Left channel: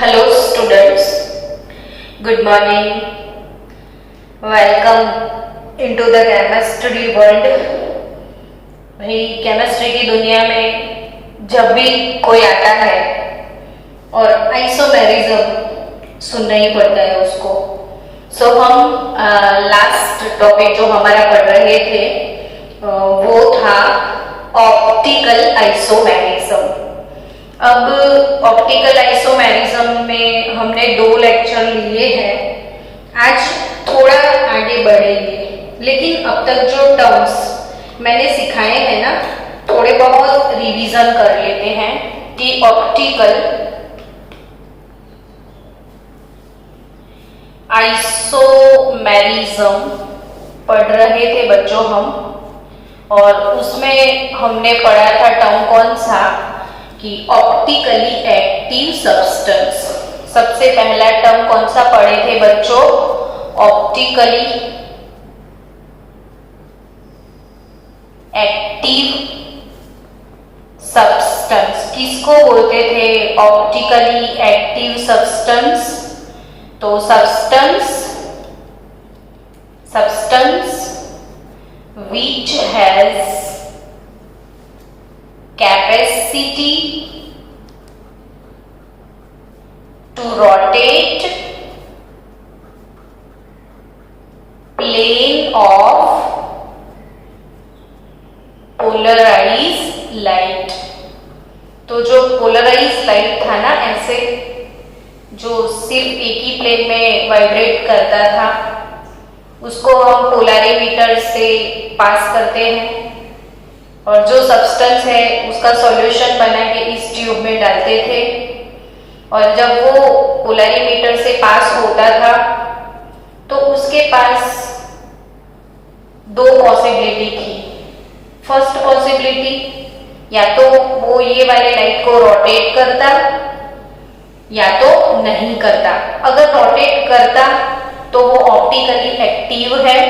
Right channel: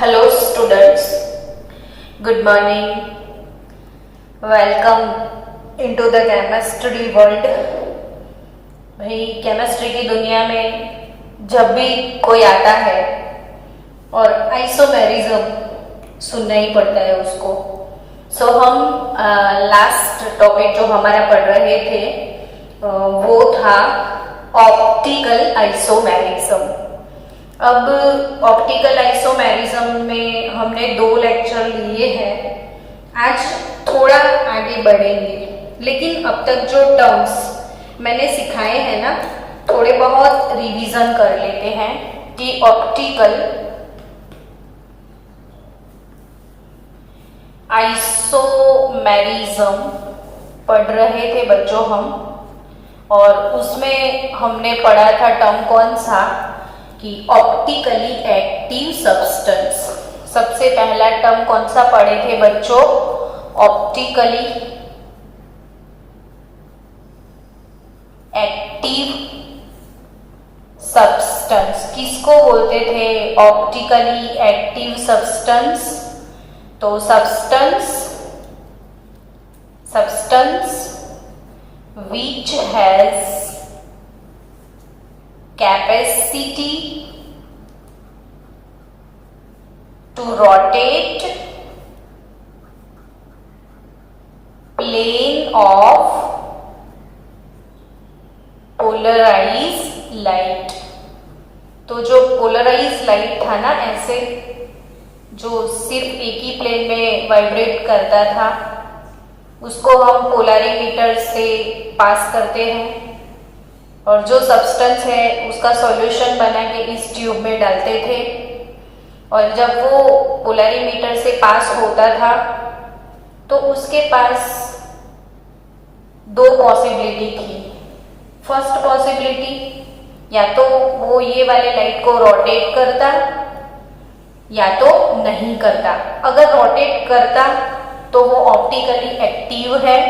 Hello students, good morning. Welcome into the chemistry world. भाई chemistry की दुनिया में जब भी कोई आता है और आइसोमेरिज्म सुनना ही पड़ता है उसको। हम लास्ट टॉपिक जो हमारा पढ़ रहे थे वो था ऑप्टिकल आइसोमेरिज्म। अब ऑप्टिकल आइसोमेरिज्म में हमने 2 लेक्चर लिए हैं। आज थोड़ा आगे बढ़ेंगे, लेकिन अब तक जो टर्म्स मैंने सिखाए हैं ना, थोड़े बहुत रिवीजन कर लेते हैं कि ऑप्टिकल आइसोमेरिज्म पढ़ रहे थे बच्चों हम, और उसमें हमने पढ़ा था टर्म कौन सा कि ऑप्टिकली एक्टिव सब्सटेंस। सबसे पहला टर्म कौन सा पढ़े थे बच्चों? Optically active substance. किसको बोलते थे ऑप्टिकली एक्टिव सब्सटेंस? तो substance which has capacity to rotate plane of polarized light। तो जो पोलराइज लाइट था ना, ऐसे जो सिर्फ एक ही प्लेन में वाइब्रेट करता था, उसको हम पोलैरिमीटर से पास करते हैं और जो सब्सटेंस है उसका सॉल्यूशन बना के इस ट्यूब में डालते थे, और जब वो पोलैरिमीटर से पास होता था तो उसके पास 2 पॉसिबिलिटी थी। फर्स्ट पॉसिबिलिटी, या तो वो ये वाले लाइट को रोटेट करता या तो नहीं करता। अगर रोटेट करता तो वो ऑप्टिकली एक्टिव है,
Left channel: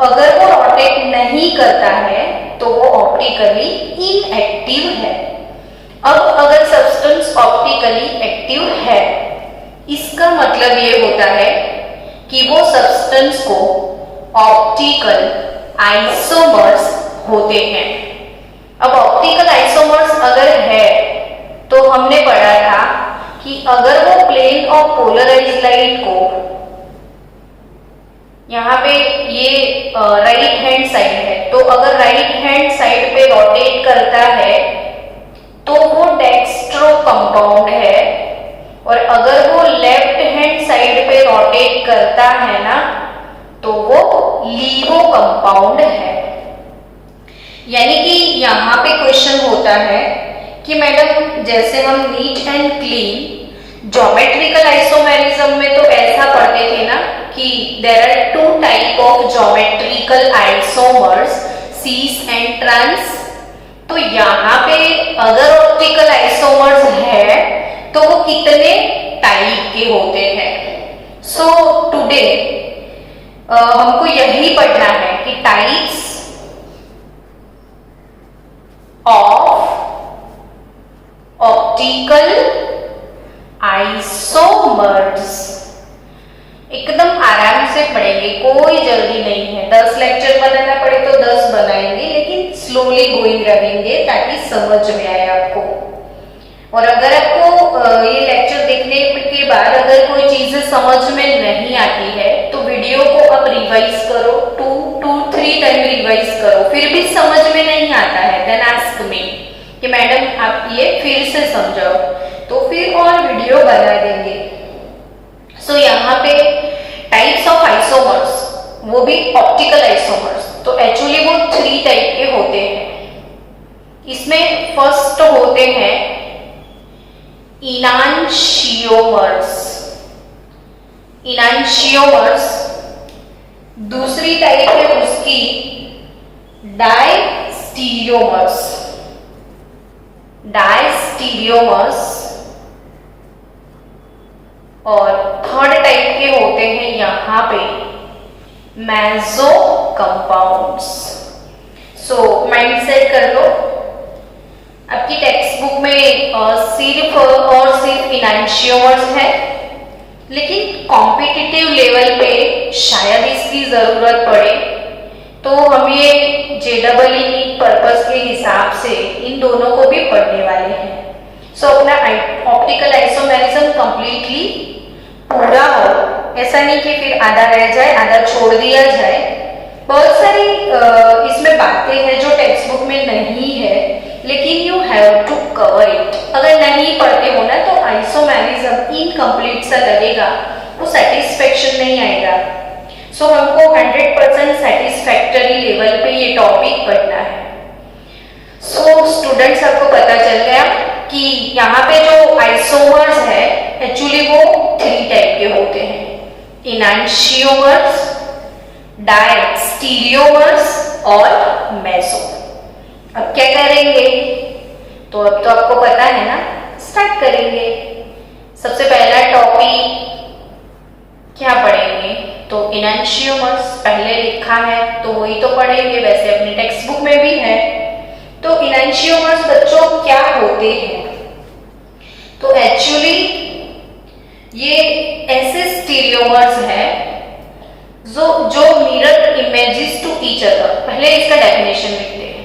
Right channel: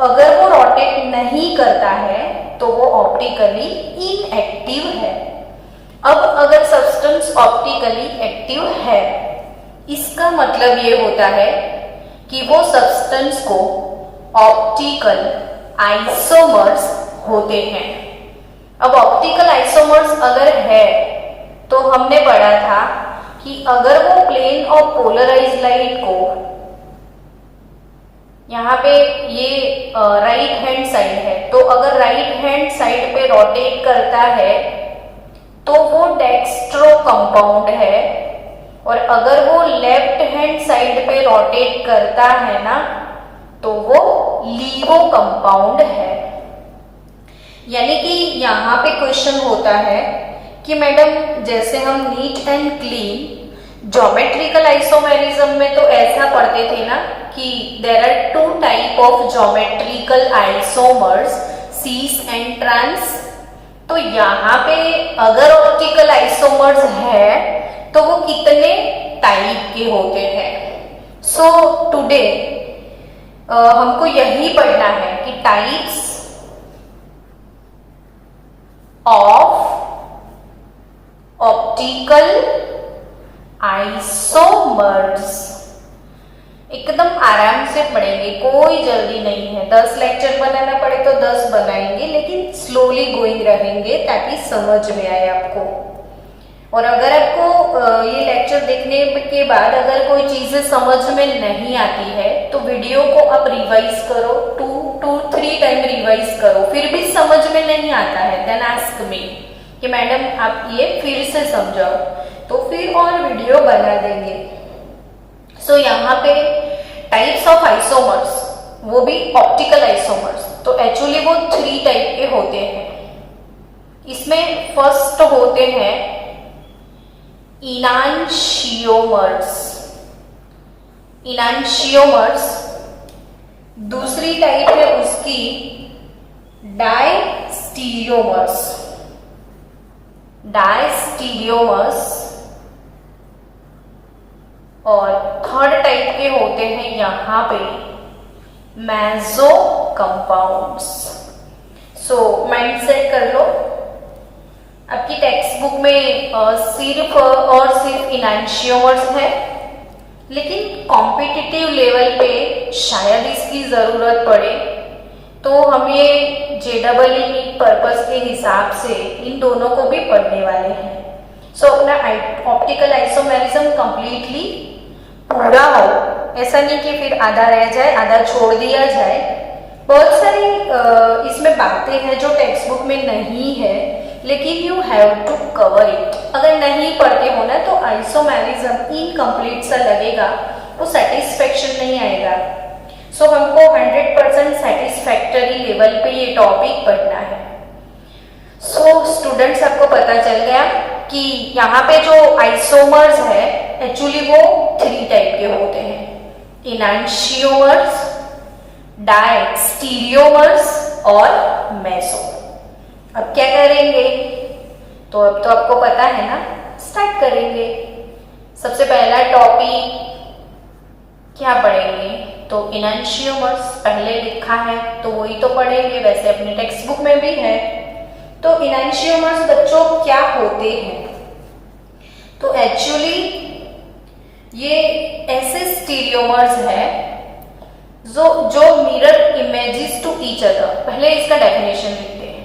अगर वो रोटेट नहीं करता है तो वो ऑप्टिकली इनएक्टिव है। अब अगर सब्सटेंस ऑप्टिकली एक्टिव है, इसका मतलब ये होता है कि वो सब्सटेंस को ऑप्टिकल आइसोमर्स होते हैं। अब ऑप्टिकल आइसोमर्स अगर है तो हमने पढ़ा था कि अगर वो प्लेन ऑफ पोलराइज्ड लाइट को, यहाँ पे ये राइट हैंड साइड है, तो अगर राइट हैंड साइड पे रोटेट करता है तो वो डेक्स्ट्रो कंपाउंड है, और अगर वो लेफ्ट हैंड साइड पे रोटेट करता है ना तो वो लीवो कंपाउंड है। यानी कि यहाँ पे क्वेश्चन होता है कि मैडम, जैसे हम neat and clean geometrical isomerism में तो ऐसा पढ़ते थे ना कि there are 2 type of geometrical isomers, cis and trans. तो यहाँ पे अगर ऑप्टिकल आइसोमर्स है तो वो कितने टाइप के होते हैं? सो टुडे हमको यही पढ़ना है कि टाइप्स ऑफ ऑप्टिकल आइसोमर्स। एकदम आराम से पढ़ेंगे, कोई जल्दी नहीं है। 10 लेक्चर बनाना पड़े तो 10 बनाएंगे, लेकिन स्लोली गोइंग रहेंगे ताकि समझ में आए आपको। और अगर आपको ये लेक्चर देखने के बाद अगर कोई चीजें समझ में नहीं आती है तो वीडियो को आप रिवाइज करो, 2-3 टाइम रिवाइज करो, फिर भी समझ में नहीं आता है देन आस्क मी कि मैडम आप ये फिर से समझाओ, तो फिर और वीडियो बना देंगे। सो यहाँ पे टाइप्स ऑफ आइसोमर्स, वो भी ऑप्टिकल आइसोमर्स, तो एक्चुअली वो 3 टाइप के होते हैं। इसमें फर्स्ट होते हैं इनांशियोमर्स। इनांशियोमर्स। दूसरी टाइप है उसकी डायस्टीरियोमर्स। डायस्टीरियोमर्स। और थर्ड टाइप के होते हैं यहाँ पे meso compounds. So mind set कर लो, आपकी टेक्स्ट बुक में सिर्फ और सिर्फ इनैंशियोमर्स है, लेकिन कॉम्पिटिटिव लेवल पे शायद इसकी जरूरत पड़े, तो हम ये JEE नीट पर्पस के हिसाब से इन दोनों को भी पढ़ने वाले हैं। सो अपना ऑप्टिकल आइसोमेरिज्म कंप्लीटली पूरा हो, ऐसा नहीं कि फिर आधा रह जाए, आधा छोड़ दिया जाए। बहुत सारी इसमें बातें हैं जो टेक्स्ट बुक में नहीं है, लेकिन you have to cover it. अगर नहीं पढ़ते हो ना तो आइसोमेरिज्म इनकम्प्लीट सा लगेगा, वो सेटिस्फेक्शन नहीं आएगा। सो हमको 100% सेटिस्फैक्टरी लेवल पे ये टॉपिक पढ़ना है। सो स्टूडेंट्स, आपको पता चल गया कि यहाँ पे जो आइसोमर्स है एक्चुअली वो 3 टाइप के होते हैं, इनैंशियोमर्स, डायस्टीरियोमर्स और मेसो। अब क्या करेंगे, तो अब तो आपको पता है ना, स्टार्ट करेंगे। सबसे पहला टॉपिक क्या पढ़ेंगे, तो इनैंशियोमर्स पहले लिखा है तो वही तो पढ़ेंगे, वैसे अपनी टेक्स्ट बुक में भी है। तो इनैंशियोमर्स बच्चों क्या होते हैं, तो एक्चुअली ये ऐसे स्टीरियोमर्स हैं जो mirror images to each other. पहले इसका डेफिनेशन लिखते हैं।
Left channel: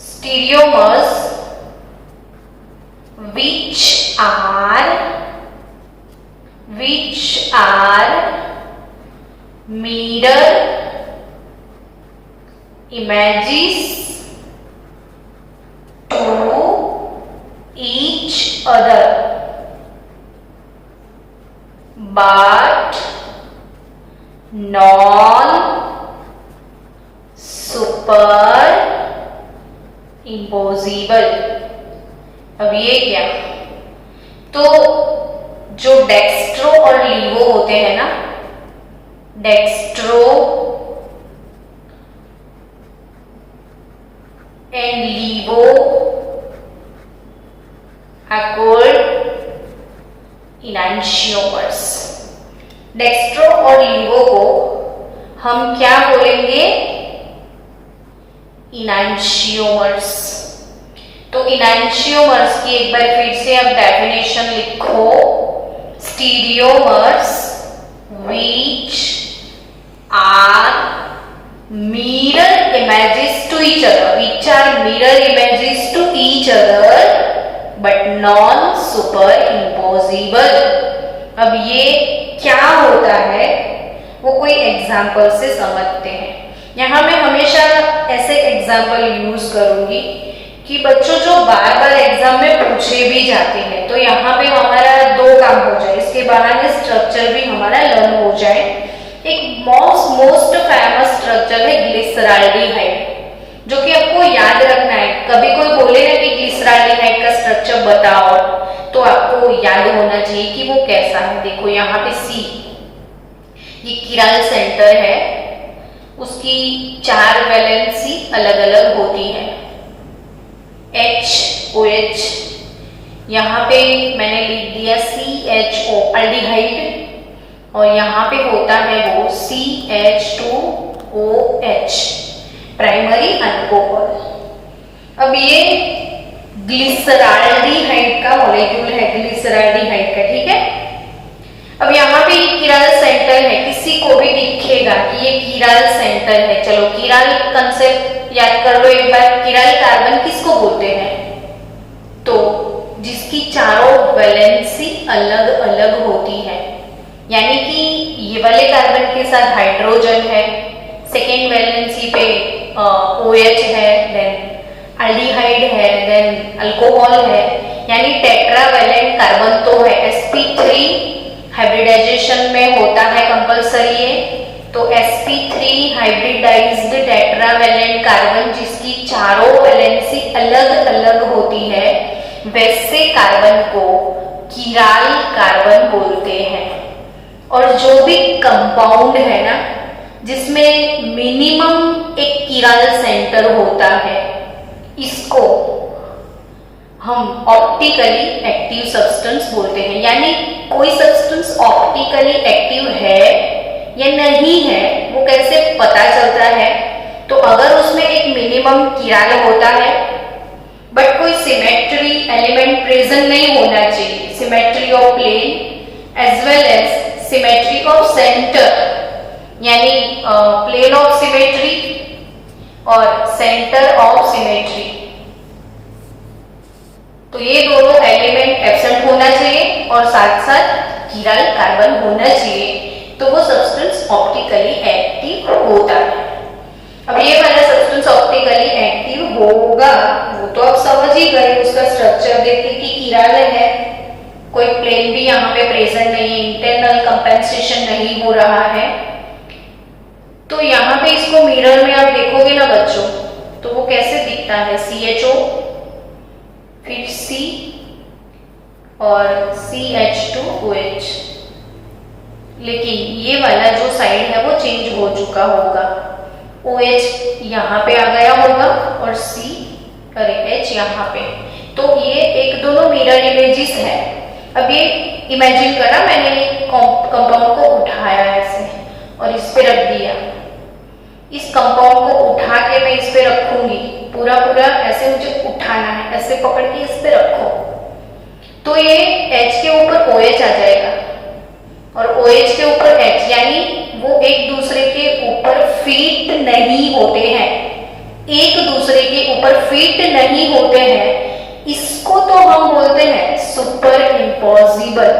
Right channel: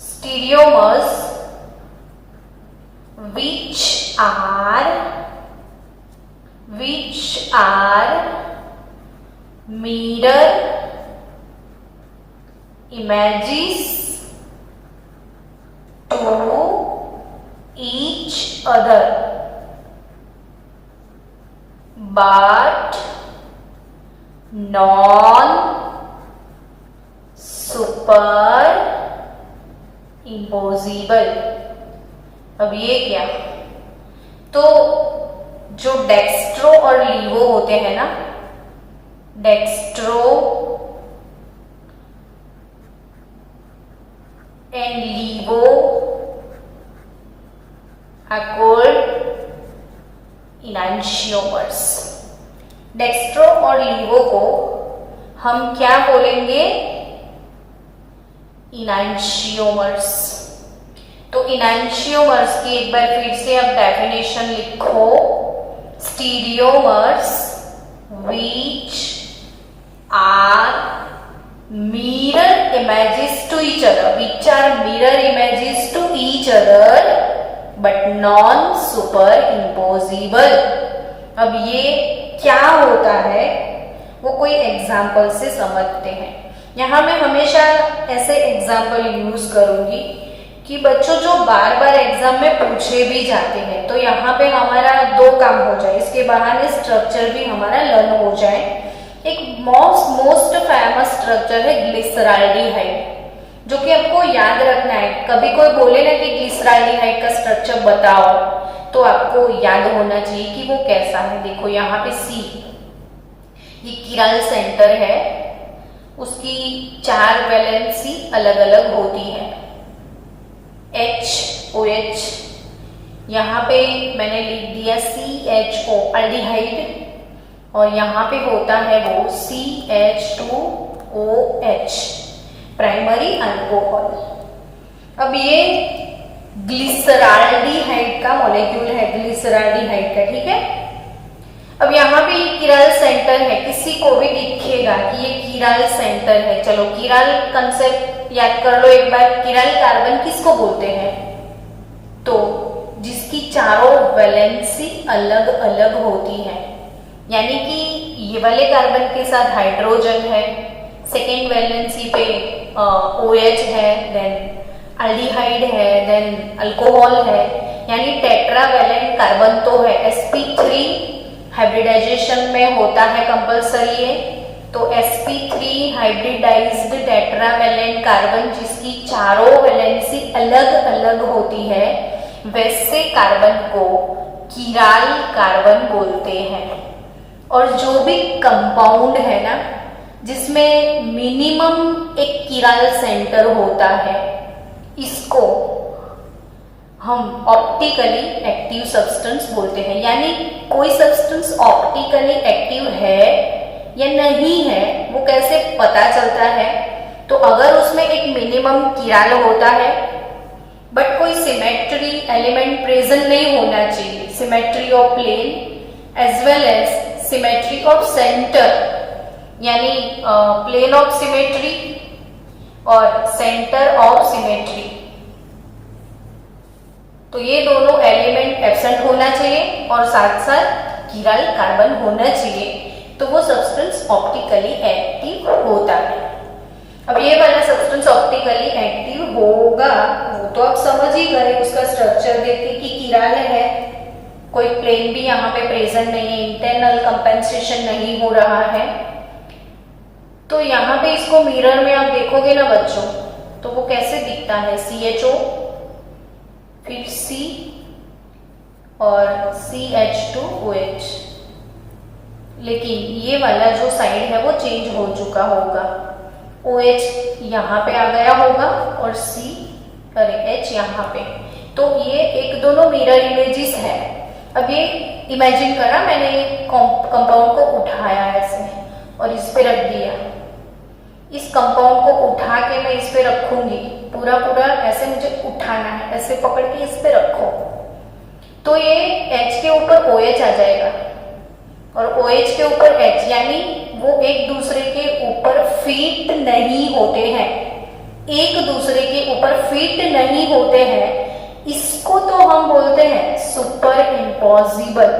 स्टीरियोमर्स which are mirror images to each other but non superimposable। अब ये क्या, तो जो डेक्स्ट्रो और लीवो होते हैं ना, dextro and laevo are called enantiomers. Dextro और लीवो को हम क्या बोलेंगे, इनैंशियोमर्स। तो इनैंशियोमर्स की एक बार फिर से अब डेफिनेशन लिखो। स्टीरियोमर्स which are mirror images to each other, but non superimposable। अब ये क्या होता है वो कोई एग्जाम्पल से समझते हैं। यहाँ मैं हमेशा ऐसे एग्जाम्पल यूज करूंगी कि बच्चों जो बार बार एग्जाम में पूछे भी जाते हैं, तो यहाँ पे हमारा 2 काम हो जाए, इसके बहाने स्ट्रक्चर भी हमारा लर्न हो जाए। एक मोस्ट फेमस स्ट्रक्चर है ग्लिसराल्डिहाइड, जो कि आपको याद रखना है। कभी कोई बोले ना कि ग्लिसराल्डिहाइड का स्ट्रक्चर बताओ, तो आपको याद होना चाहिए कि वो कैसा है। देखो यहाँ पे C, ये किराल सेंटर है, उसकी 4 वैलेंसी अलग अलग होती है। OH, यहाँ पे मैंने लिख दिया CHO अल्डिहाइड, और यहाँ पे होता है वो CH2OH प्राइमरी अल्कोहल। अब ये ग्लिसराल्डिहाइड का मॉलिक्यूल है, ग्लिसराल्डिहाइड का, ठीक है। अब यहाँ पे किराल सेंटर है, किसी को भी दिखेगा कि ये किराल सेंटर है। चलो किराल कंसेप्ट याद कर लो एक बार। किराल कार्बन किसको बोलते हैं, तो जिसकी चारों वैलेंसी अलग अलग होती है, यानी कि ये वाले कार्बन के साथ हाइड्रोजन है, सेकेंड वैलेंसी पे OH है, देन अल्डिहाइड है, देन अल्कोहल है, यानी टेट्रावैलेंट कार्बन तो है। sp3 हाइब्रिडाइजेशन में होता है कंपल्सरी है, तो sp3 हाइब्रिडाइज्ड टेट्रावैलेंट कार्बन जिसकी चारों वैलेंसी अलग अलग होती है, वैसे कार्बन को किराल कार्बन बोलते हैं। और जो भी कंपाउंड है ना जिसमें मिनिमम एक किराल सेंटर होता है, इसको हम ऑप्टिकली एक्टिव सब्सटेंस बोलते हैं। यानी कोई सब्सटेंस ऑप्टिकली एक्टिव है या नहीं है वो कैसे पता चलता है, तो अगर उसमें एक मिनिमम किराल होता है बट कोई सिमेट्री एलिमेंट प्रेजेंट नहीं होना चाहिए। Symmetry of plane as well as symmetry of centre, यानी प्लेन ऑफ सिमेट्री और सेंटर ऑफ सिमेट्री। तो ये दोनों एलिमेंट एब्सेंट होना चाहिए और साथ साथ कीराल कार्बन होना चाहिए, तो वो सब्सटेंस ऑप्टिकली एक्टिव होता है। अब ये वाला सब्सटेंस ऑप्टिकली एक्टिव होगा वो तो आप समझ ही गए, उसका स्ट्रक्चर देखते कि कीराल है, कोई प्लेन भी यहाँ पे प्रेजेंट नहीं है, इंटरनल कंपेंसेशन नहीं हो रहा है। तो यहाँ पे इसको मिरर में आप देखोगे ना बच्चों, तो वो कैसे दिखता है, CHO फिर C और CH2OH, लेकिन ये वाला जो साइड है वो चेंज हो चुका होगा, OH यहाँ पे आ गया होगा और H यहाँ पे। तो ये एक दोनों मिरर इमेजेस है। अब ये इमेजिन करा मैंने कंपाउंड को उठाया ऐसे और इस पे रख दिया, इस कंपाउंड को उठा के मैं इस पे रखूंगी, पूरा पूरा ऐसे मुझे उठाना है, ऐसे पकड़ के इस पे रखो, तो ये H के ऊपर OH आ जाएगा और OH के ऊपर H, यानी वो एक दूसरे के ऊपर फिट नहीं होते हैं, एक दूसरे के ऊपर फिट नहीं होते हैं। इसको तो हम बोलते हैं सुपर इम्पॉसिबल,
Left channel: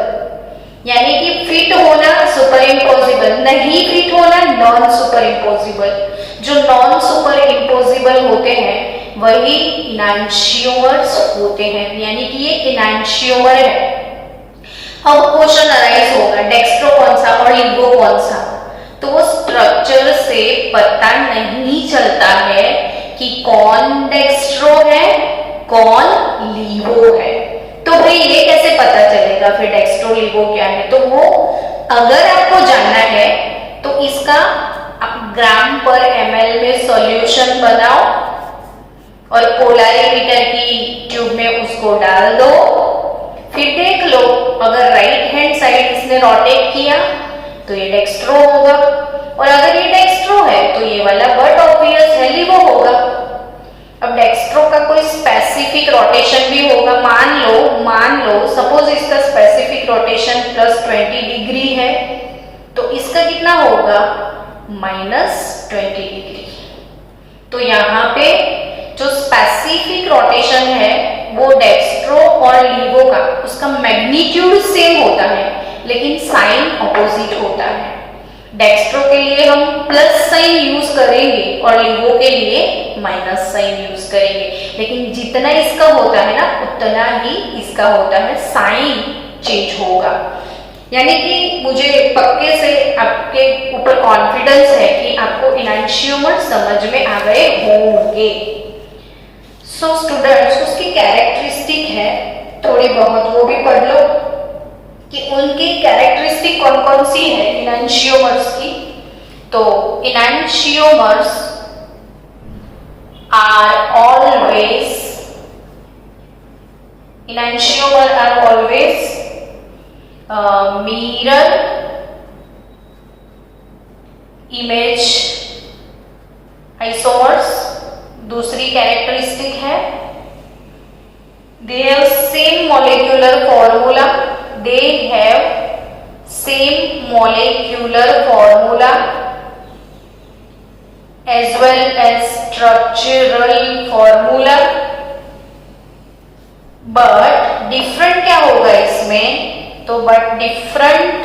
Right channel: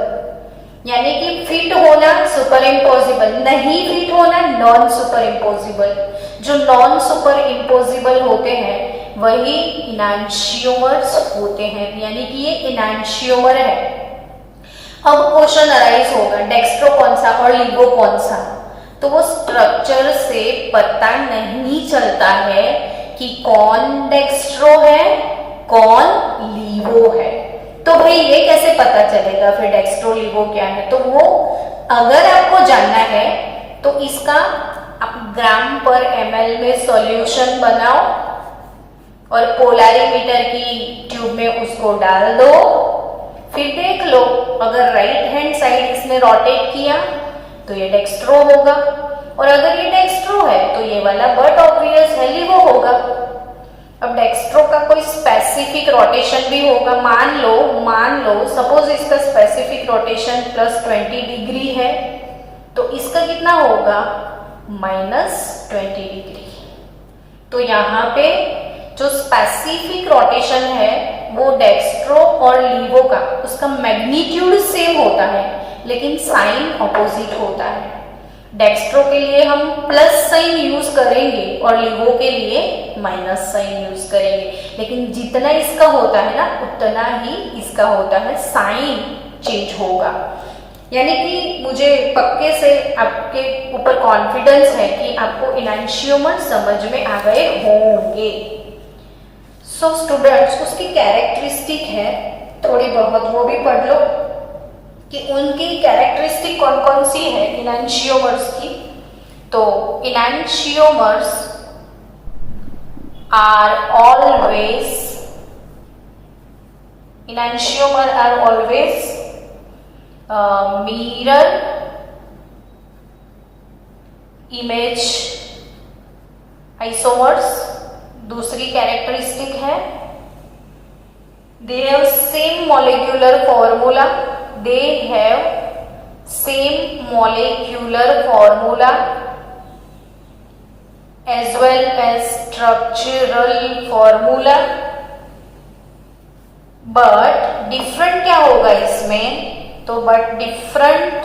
यानी कि फिट होना सुपर इम्पॉसिबल, नहीं फिट होना नॉन सुपर इम्पॉसिबल। जो नॉन सुपर इम्पॉसिबल होते हैं वही इनैंशियोमर्स होते हैं, यानी कि ये इनैंशियोमर है। अब क्वेश्चन अराइज होगा डेक्स्ट्रो कौन सा और लिवो कौन सा, तो वो स्ट्रक्चर से पता नहीं चलता है कि कौन डेक्स्ट्रो है कौन लिवो है। तो भाई ये कैसे पता चलेगा फिर डेक्स्ट्रो लिवो क्या है, तो वो अगर आपको जानना है तो इसका आप ग्राम पर ml में सॉल्यूशन बनाओ और पोलैरिमीटर की ट्यूब में उसको डाल दो, फिर देख लो अगर राइट हैंड साइड इसने रोटेट किया तो ये डेक्स्ट्रो होगा, और अगर ये डेक्स्ट्रो है तो ये वाला बट ऑब्वियस है लिवो होगा। अब डेक्स्ट्रो का कोई स्पेसिफिक रोटेशन भी होगा, मान लो सपोज इसका स्पेसिफिक रोटेशन +20 डिग्री है, तो इसका कितना होगा -20 डिग्री। तो यहाँ पे जो स्पेसिफिक रोटेशन है वो डेक्स्ट्रो और लिवो का उसका मैग्नीट्यूड सेम होता है लेकिन साइन ऑपोजिट होता है। डेक्स्ट्रो के लिए हम प्लस साइन यूज करेंगे और लिवो के लिए माइनस साइन यूज करेंगे, लेकिन जितना इसका होता है ना उतना ही इसका होता है, साइन चेंज होगा। यानी कि मुझे पक्के से आपके ऊपर कॉन्फिडेंस है कि आपको इनैंशियोमर समझ में आ गए होंगे। सो स्टूडेंट्स उसकी कैरेक्टरिस्टिक है थोड़ी बहुत, वो भी पढ़ लो कि उनकी कैरेक्टरिस्टिक कौन कौन सी है इनैंशियोमर्स की। तो enantiomers are always mirror image isomers। दूसरी कैरेक्टरिस्टिक है they have same molecular formula, as well as structural formula, but different क्या होगा इसमें, तो but different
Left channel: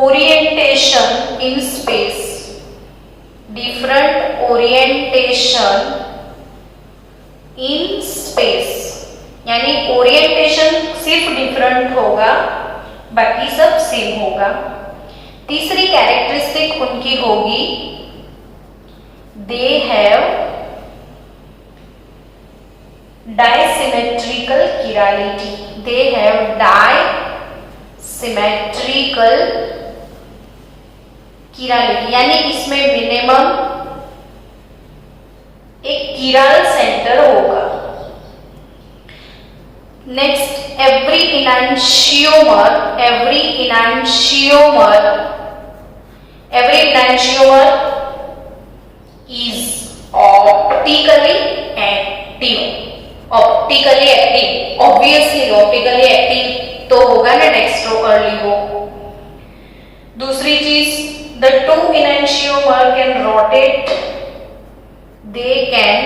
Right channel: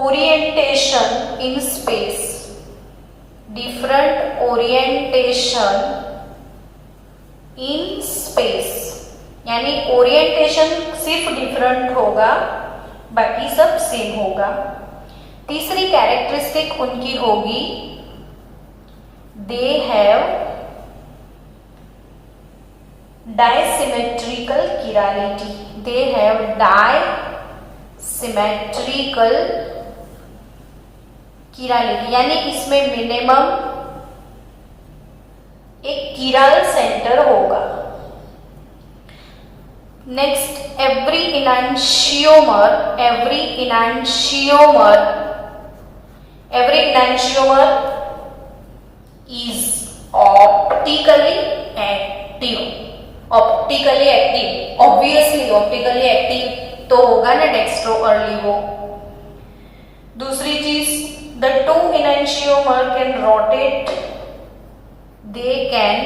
orientation in space, different orientation in space, यानी ओरिएंटेशन सिर्फ डिफरेंट होगा बाकी सब सेम होगा। तीसरी कैरेक्टरिस्टिक उनकी होगी दे हैव डायसिमेट्रिकल किरालिटी, दे हैव डायसिमेट्रिकल किरालिटी, यानी इसमें मिनिमम एक किराल सेंटर होगा। Next every enantiomer is optically active active, obviously optically active तो होगा ना डेक्स्ट्रो अर्ली वो। दूसरी चीज, the two enantiomer can rotate, they can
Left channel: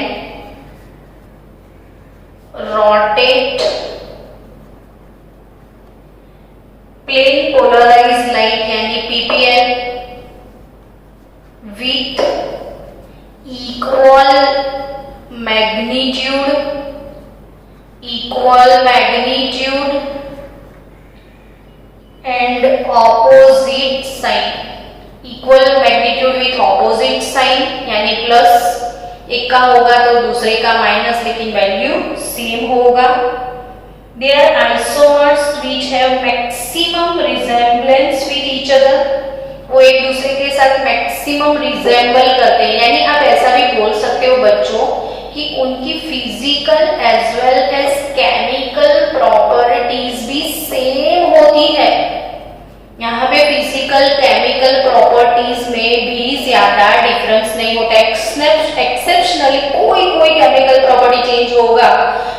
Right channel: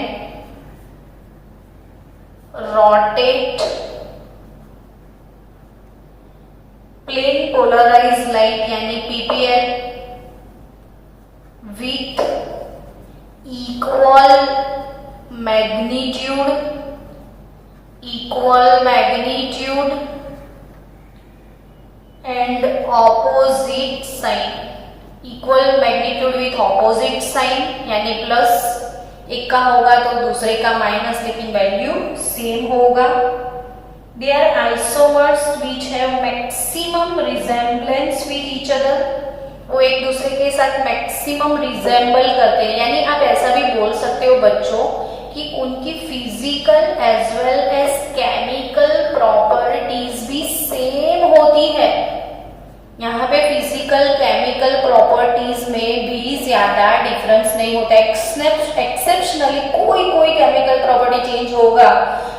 rotate plane polarise light यानी PPL with equal magnitude and opposite sign, equal magnitude with opposite sign यानी plus एक का होगा तो दूसरे का माइनस, लेकिन वैल्यू सेम होगा। They are isomers which have maximum resemblance with each other, वो एक दूसरे के साथ मैक्सिमम रिजेंबल करते हैं, यानी आप ऐसा भी बोल सकते हो बच्चों कि उनकी physical as well as chemical properties भी सेम होती है। यहाँ पे फिजिकल केमिकल प्रॉपर्टीज में भी ज्यादा डिफरेंस नहीं होता, एक्सेप्शनली कोई केमिकल प्रॉपर्टी चेंज होगा,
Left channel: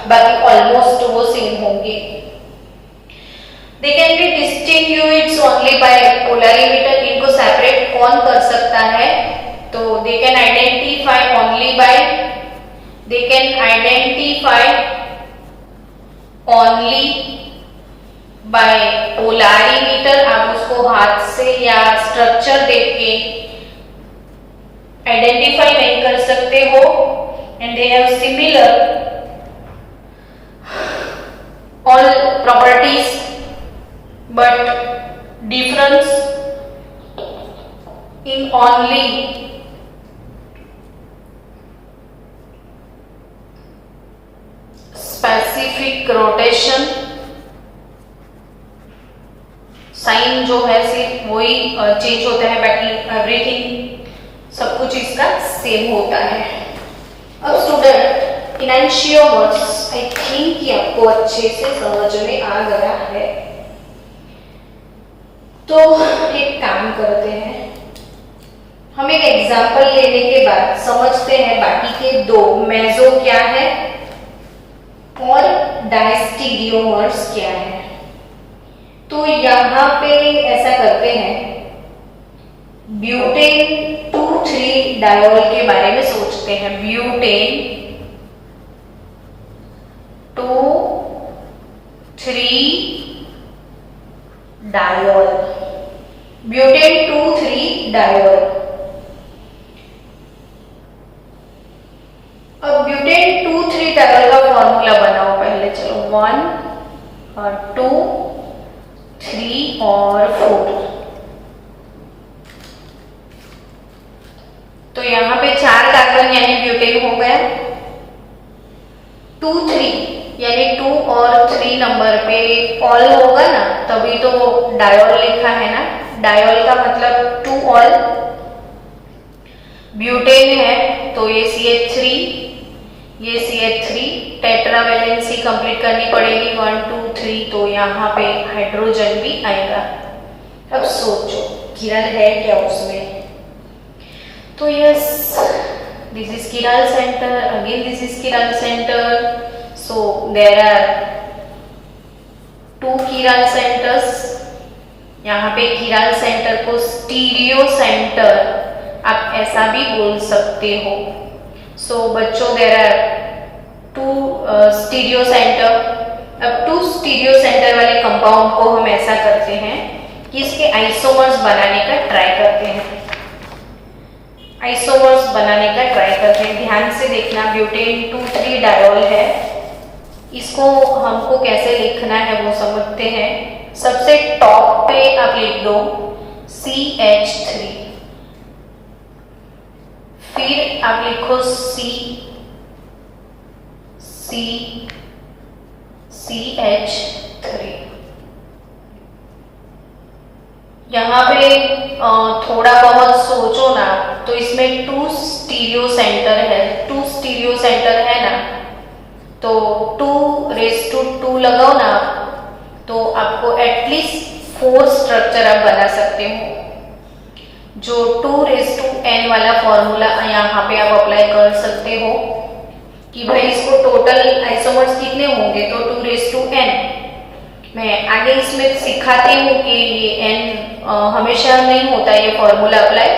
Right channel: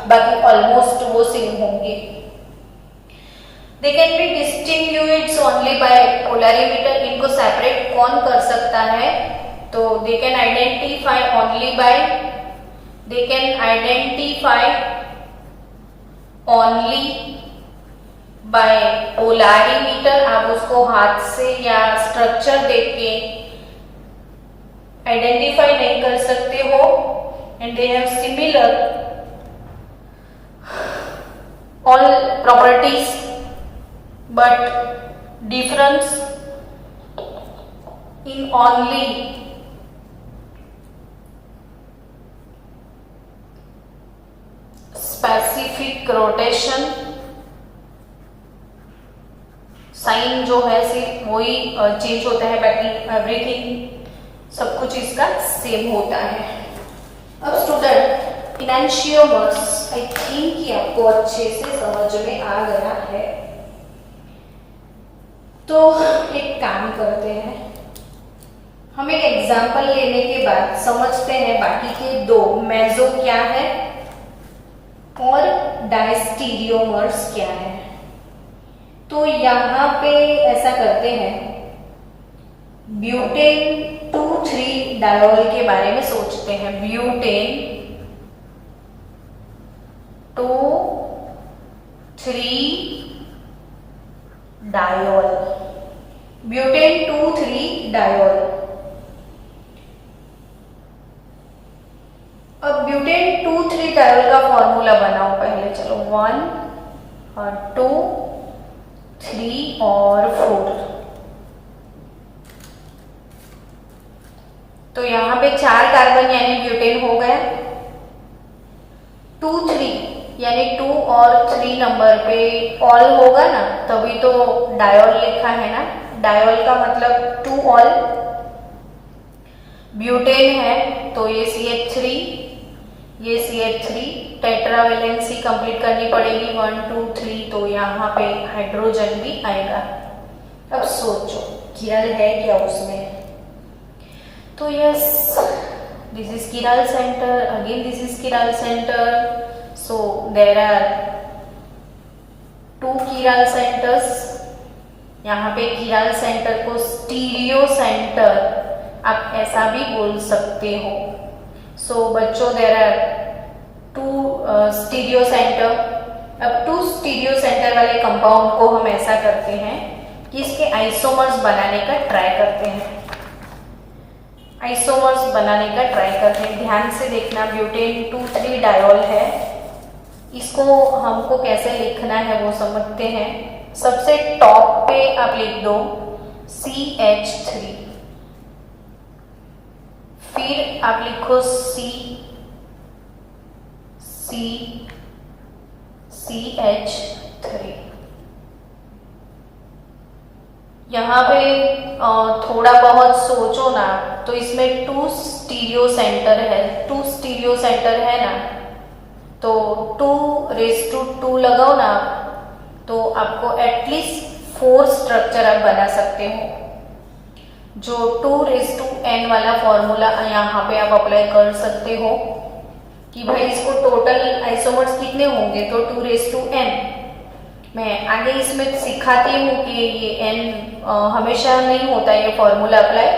बाकी ऑलमोस्ट वो सेम होंगे। They can be distinguished only by polarimeter, इनको सेपरेट कौन कर सकता है? तो they can identify only by polarimeter। आप उसको हाथ से या स्ट्रक्चर देख के आइडेंटिफाई नहीं कर सकते हो। And they have similar all properties but difference in only specific rotation, sign जो है सिर्फ वही चेंज होता है, बाकी एवरीथिंग सब कुछ इसका सेम होता है। अब स्टूडेंट, इनैंशियोमर्स आई थिंक कि आपको अच्छे से समझ में आ गया है, तो एक काम करते हैं, हम एक एग्जाम्पल लेने के बाद समझते हैं बाकी के दो, मेसो क्या है और डायस्टीरियोमर्स क्या है। तो यहाँ पे ऐसा करते हैं, ब्यूटेन 2,3 डायोल के बारे में सोचते हैं। Butane 2,3 diol, butane 2,3 diol. अब ब्यूटेन 2,3 डायोल का फॉर्मूला बनाओ पहले, चलो 1 और 2, 3 और 4। तो यहां पे 4 कार्बन यानी ब्यूटेन हो गया। 2, 3 यानी 2 और 3 नंबर पे ऑल होगा ना, तभी तो डायोल लिखा है ना। डायोल का मतलब 2 ऑल, ब्यूटेन है तो ये CH3, ये CH3, टेट्रावेलेंसी कंप्लीट करनी पड़ेगी 1, 2, 3, तो यहाँ पे हाइड्रोजन भी आएगा। अब सोचो किरण है क्या उसमें, तो yes, this is Kiran centre, again this is Kiran centre, so there are 2 Kiran centres. यहाँ पे किरण सेंटर को स्टीरियो सेंटर आप ऐसा भी बोल सकते हो। सो बच्चों, देयर आर 2 स्टीरियो सेंटर। अब 2 स्टीरियो सेंटर वाले कंपाउंड को हम ऐसा करते हैं कि इसके आइसोमर्स बनाने का ट्राई करते हैं। आइसोमर्स बनाने का ट्राई करते हैं, ध्यान से देखना। ब्यूटेन 2,3 डायोल है, इसको हमको कैसे लिखना है वो समझते हैं। सबसे टॉप पे आप लिख दो CH3, फिर आप लिखो CH3। यहाँ पे थोड़ा बहुत सोचो ना, तो इसमें 2 स्टीरियो सेंटर है, 2 स्टीरियो सेंटर है ना, तो 2⁻² लगाओ ना, तो आपको एटलीस्ट 4 स्ट्रक्चर आप बना सकते हो। जो 2⁻n वाला फॉर्मूला यहाँ पे आप अप्लाई कर सकते हो। कि भाई इसको टोटल आइसोमर्स कितने होंगे, तो 2n। मैं आगे इसमें सिखाती हूँ कि ये n हमेशा नहीं होता है ये फॉर्मूला अप्लाई,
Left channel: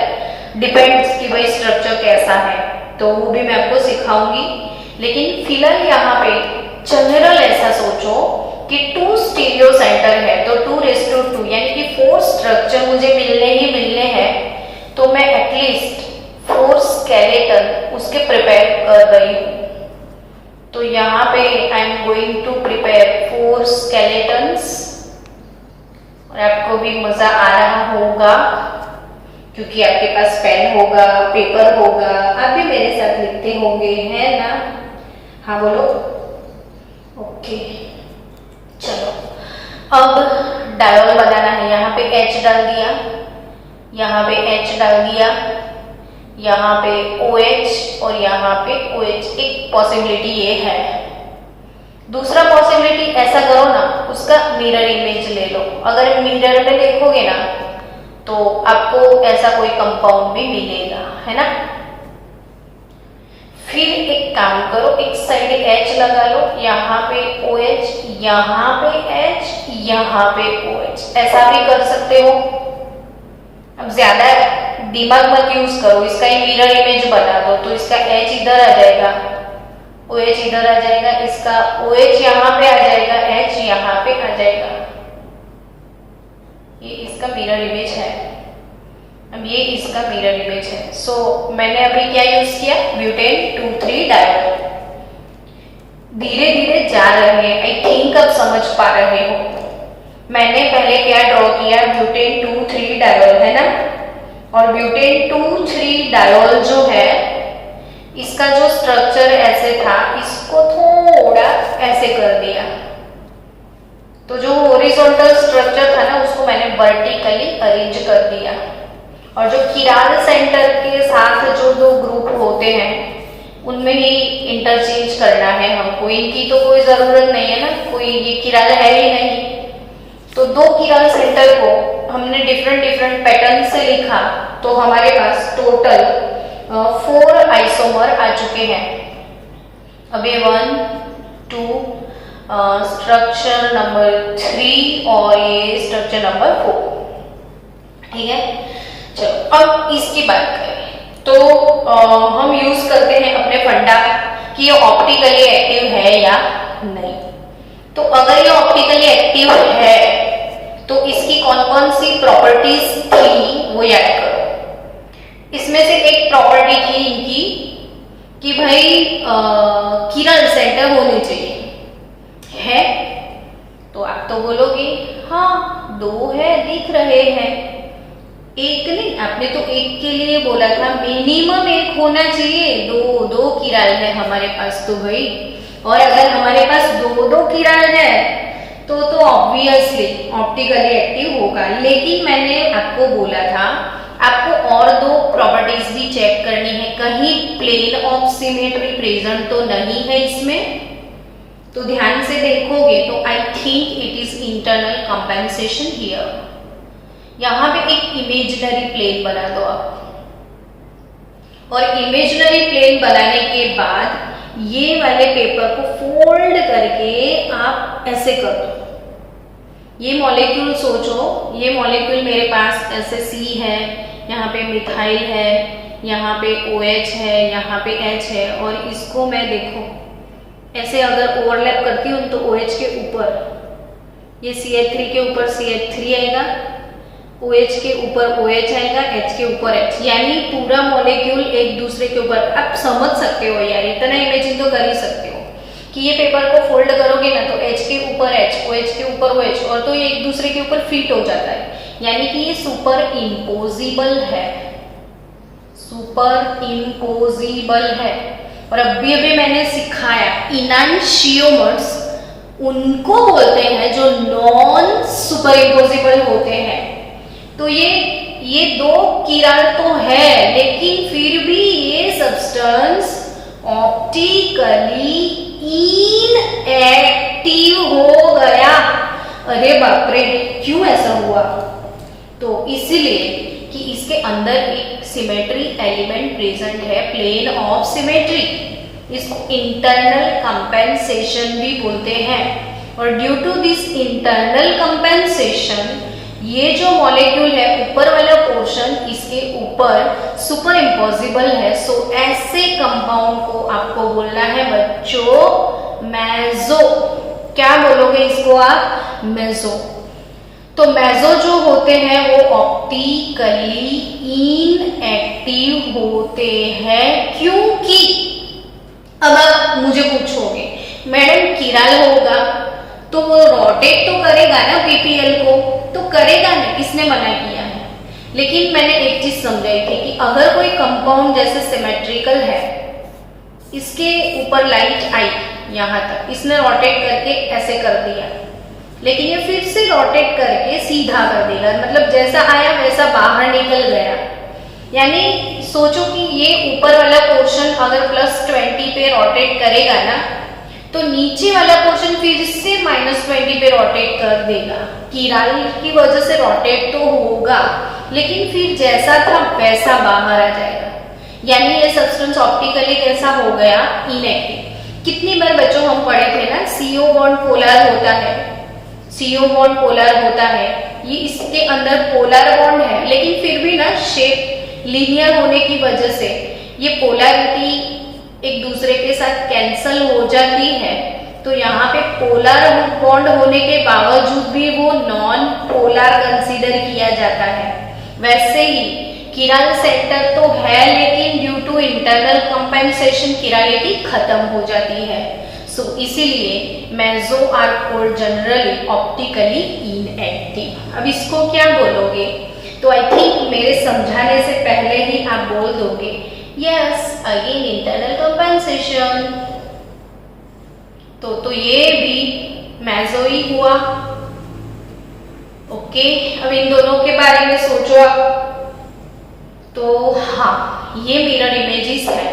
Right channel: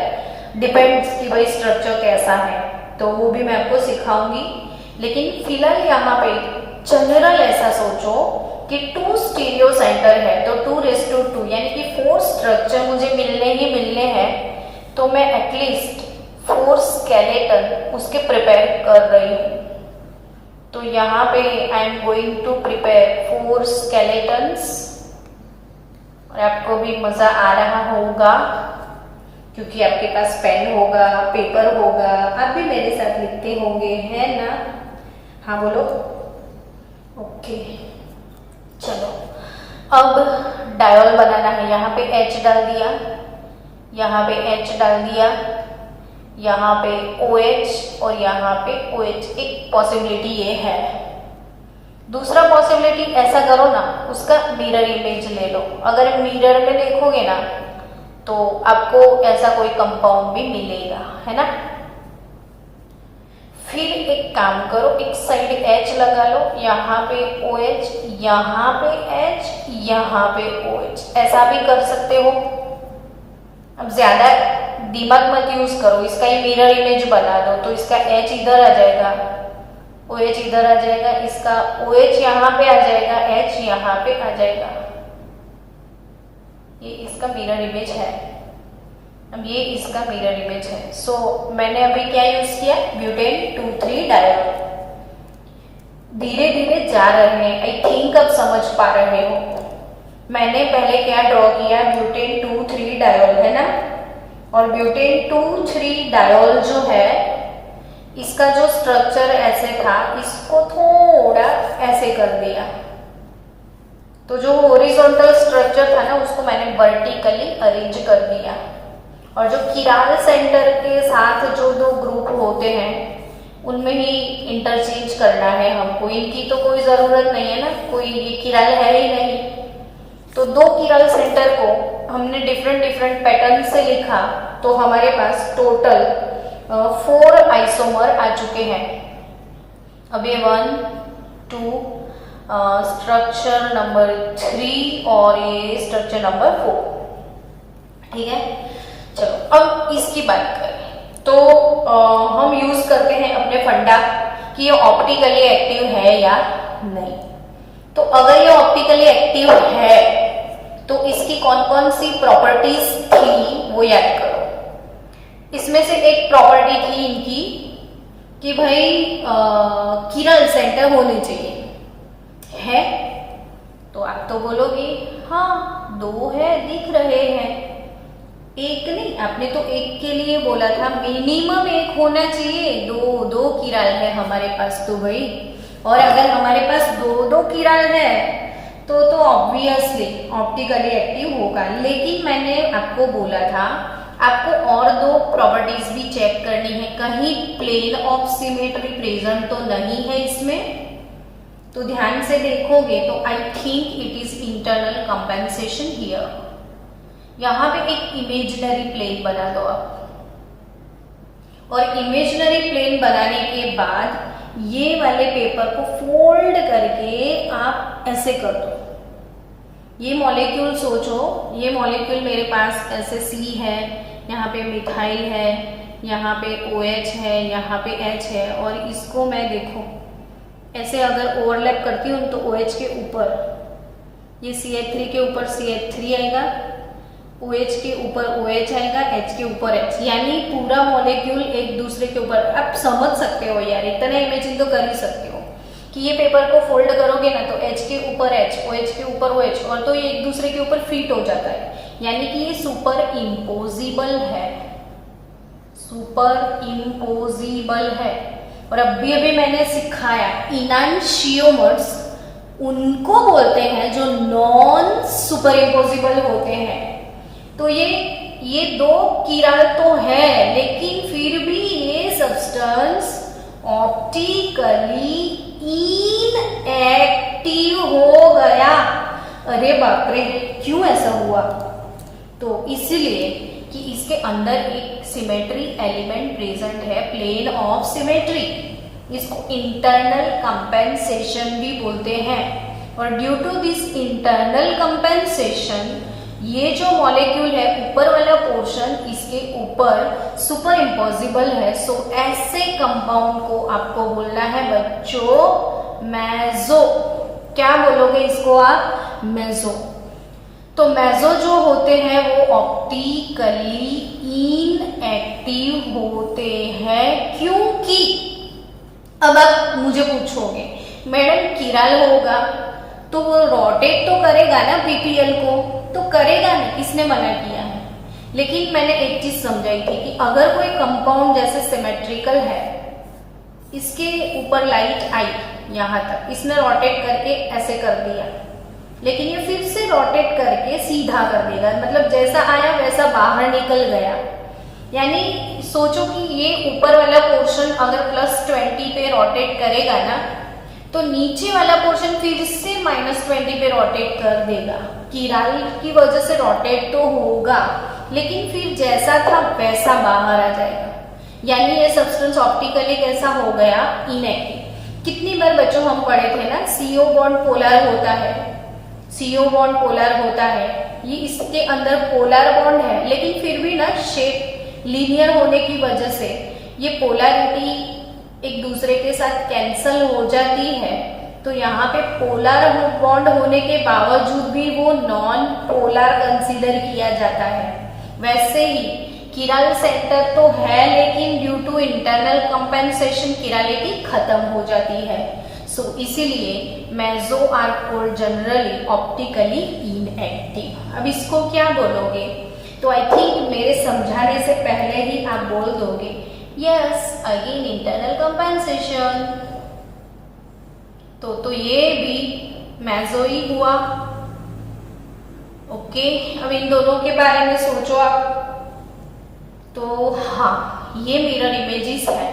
डिपेंड्स कि भाई स्ट्रक्चर कैसा है, तो वो भी मैं आपको सिखाऊंगी। लेकिन फिलहाल यहाँ पे जनरल ऐसा सोचो कि 2 स्टीरियो सेंटर है तो 2:2 यानी कि 4 स्ट्रक्चर मुझे मिलने ही मिलने हैं, तो मैं एटलीस्ट 4 स्केलेटन उसके प्रिपेयर कर रही हूँ। तो यहाँ पे I am going to prepare 4 skeletons, और आपको भी मजा आ रहा होगा क्योंकि आपके पास पेन होगा, पेपर होगा, आप भी मेरे साथ लिखते होंगे, है ना? हाँ बोलो। ओके चलो, अब डायोल बनाना है। यहाँ पे H डाल दिया, यहाँ पे H डाल दिया, यहाँ पे OH और यहाँ पे OH। एक पॉसिबिलिटी ये है। दूसरा पॉसिबिलिटी ऐसा करो ना, उसका मिरर इमेज ले लो। अगर मिरर में देखोगे ना तो आपको ऐसा कोई कंपाउंड भी मिलेगा, है ना? फिर एक काम करो, एक साइड H लगा लो, यहाँ पे OH, यहाँ पे H, यहाँ पे OH, ऐसा भी कर सकते हो। अब ज्यादा दिमाग मत यूज करो, इसका ही मिरर इमेज बना दो, तो इसका H इधर आ जाएगा, OH इधर आ जाएगा, इसका OH यहाँ पे आ जाएगा, H यहाँ पे आ जाएगा। ये इसका मिरर इमेज है। अब ये इसका मिरर इमेज है। सो मैंने अभी क्या यूज किया, ब्यूटेन 2,3 डायोल। धीरे धीरे जा रहे हैं, आई थिंक अब समझ पा रहे हो। मैंने पहले क्या ड्रॉ किया, ब्यूटेन 2,3 डायोल, है ना? और ब्यूटेन 2,3 डायोल जो है, इसका जो स्ट्रक्चर ऐसे था, इसको थोड़ा ऐसे कर दिया, तो जो हॉरिजॉन्टल स्ट्रक्चर था ना उसको मैंने वर्टिकली अरेंज कर दिया। और जो किराल सेंटर के साथ जो 2 ग्रुप होते हैं उनमें ही इंटरचेंज करना है हमको, इनकी तो कोई जरूरत नहीं है ना, कोई ये किराल है ही नहीं। तो 2 किराल सेंटर को हमने डिफरेंट पैटर्न से लिखा, तो हमारे पास टोटल 4 आइसोमर आ चुके हैं। अब ये 1, 2, स्ट्रक्चर नंबर 3 और ये स्ट्रक्चर नंबर 4, ठीक है? चलो अब इसकी बात करें तो हम यूज करते हैं अपने फंडा कि ये ऑप्टिकली एक्टिव है या नहीं। तो अगर ये ऑप्टिकली एक्टिव है तो इसकी कौन कौन सी प्रॉपर्टीज थी वो याद करो। इसमें से एक प्रॉपर्टी थी इनकी कि भाई किरण सेंटर होने चाहिए, है? तो आप तो बोलोगे हाँ 2 है, दिख रहे हैं, एक नहीं। आपने तो एक के लिए बोला था, मिनिमम 1 होना चाहिए। 2 किराल है हमारे पास तो भाई, और अगर हमारे पास 2 किराल है तो ऑब्वियसली ऑप्टिकली एक्टिव होगा। लेकिन मैंने आपको बोला था आपको और 2 प्रॉपर्टीज भी चेक करनी है, कहीं प्लेन ऑफ सिमेट्री प्रेजेंट तो नहीं है इसमें। तो ध्यान से देखोगे तो I think it is internal compensation here. यहां पे एक इमेजिनरी प्लेन बना दो आप, और इमेजिनरी प्लेन बनाने के बाद ये वाले पेपर को फोल्ड करके आप ऐसे कर दो। ये मॉलिक्यूल सोचो, ये मॉलिक्यूल मेरे पास ऐसे C है, यहाँ पे मिथाइल है, यहाँ पे OH है, यहाँ पे H है, और इसको मैं देखो ऐसे अगर ओवरलैप करती हूँ तो OH के ऊपर ये CH3 के ऊपर CH3 आएगा, OH के ऊपर OH आएगा, H के ऊपर H, यानी पूरा मॉलिक्यूल एक दूसरे के ऊपर। आप समझ सकते हो यार, इतना इमेजिन तो कर ही सकते हो कि ये पेपर को फोल्ड करोगे ना तो H के ऊपर H, OH के ऊपर OH, और तो ये एक दूसरे के ऊपर फिट हो जाता है, यानी कि ये सुपर इम्पोजिबल है, सुपर इम्पोजिबल है। और अभी मैंने सिखाया इनांशियोमर्स उनको बोलते हैं जो नॉन सुपर इम्पोजिबल होते हैं। तो ये 2 किराल तो है, लेकिन फिर भी ये सब्सटेंस ऑप्टिकली इनएक्टिव हो गया। अरे बाप रे, क्यों ऐसा हुआ? तो इसलिए कि इसके अंदर एक सिमेट्री एलिमेंट प्रेजेंट है, प्लेन ऑफ सिमेट्री। इसको इंटरनल कंपेंसेशन भी बोलते हैं। और due to this internal compensation ये जो मॉलिक्यूल है ऊपर वाला पोर्शन इसके ऊपर सुपर इम्पोजिबल है। सो ऐसे कंपाउंड को आपको बोलना है बच्चों मेसो। क्या बोलोगे इसको आप? मेसो। तो मेसो जो होते हैं वो ऑप्टिकली इनएक्टिव होते हैं, क्योंकि अब आप मुझे पूछोगे मैडम किराल होगा तो वो रोटेट तो करेगा ना पीपीएल को, तो करेगा ना, किसने मना किया है? लेकिन मैंने एक चीज समझाई थी कि अगर कोई कंपाउंड जैसे सिमेट्रिकल है, इसके ऊपर लाइट आई यहां तक, इसने रोटेट करके ऐसे कर दिया, लेकिन ये फिर से रोटेट करके सीधा कर देगा, मतलब जैसा आया वैसा बाहर निकल गया। यानी सोचो कि ये ऊपर वाला पोर्शन अगर +20 पे रोटेट करेगा ना, तो नीचे वाला पोर्शन फिर से -20 पे रोटेट कर देगा। किराल की वजह से रोटेट तो होगा, लेकिन फिर जैसा था वैसा बाहर आ जाएगा। यानी ये सब्सटेंस ऑप्टिकली कैसा हो गया? इनएक्टिव। कितनी बार बच्चों हम पढ़े थे ना, CO बॉन्ड पोलर होता है, CO बॉन्ड पोलर होता है, ये इसके अंदर पोलर बॉन्ड है, लेकिन फिर भी ना शेप लीनियर होने की वजह से ये पोलैरिटी एक दूसरे के साथ कैंसल हो जाती है। तो यहाँ पे पोलर बॉन्ड होने के बावजूद भी वो नॉन पोलर कंसीडर किया जाता है। वैसे ही किराल सेंटर तो है, लेकिन due to internal compensation chirality खत्म हो जाती है। सो इसीलिए meso are called generally optically inactive. अब इसको क्या बोलोगे? तो आई थिंक मेरे समझाने से पहले ही आप बोल दोगे यस अगेन इंटरनल कंपेंसेशन। तो ये भी मेसो ही हुआ। ओके, अब इन दोनों के बारे में सोचो आप। तो हाँ, ये मिरर इमेजेस है,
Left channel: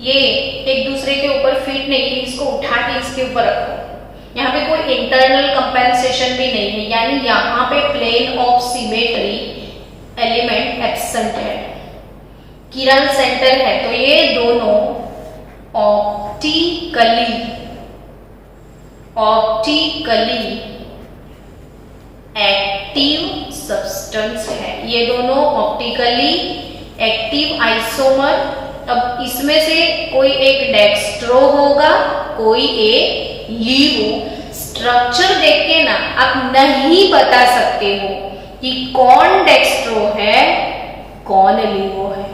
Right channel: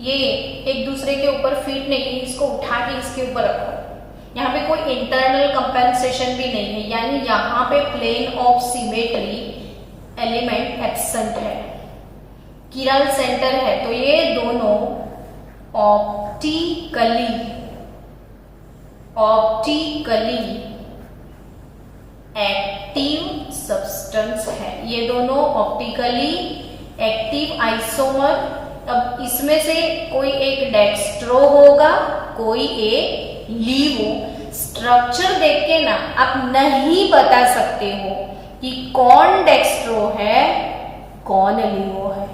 ये एक दूसरे के ऊपर फिट नहीं, इसको उठा के इसके ऊपर रखो। यहाँ पे कोई इंटरनल कंपेंसेशन भी नहीं है, यानी यहाँ पे plane of symmetry element absent है। किराल सेंटर है, तो ये दोनों ऑप्टिकली एक्टिव सब्सटेंस है। ये दोनों ऑप्टिकली एक्टिव आइसोमर। अब इसमें से कोई एक डेक्स्ट्रो होगा, कोई एक लीवो। स्ट्रक्चर देख के ना आप नहीं बता सकते हो कि कौन डेक्स्ट्रो है कौन लीवो है।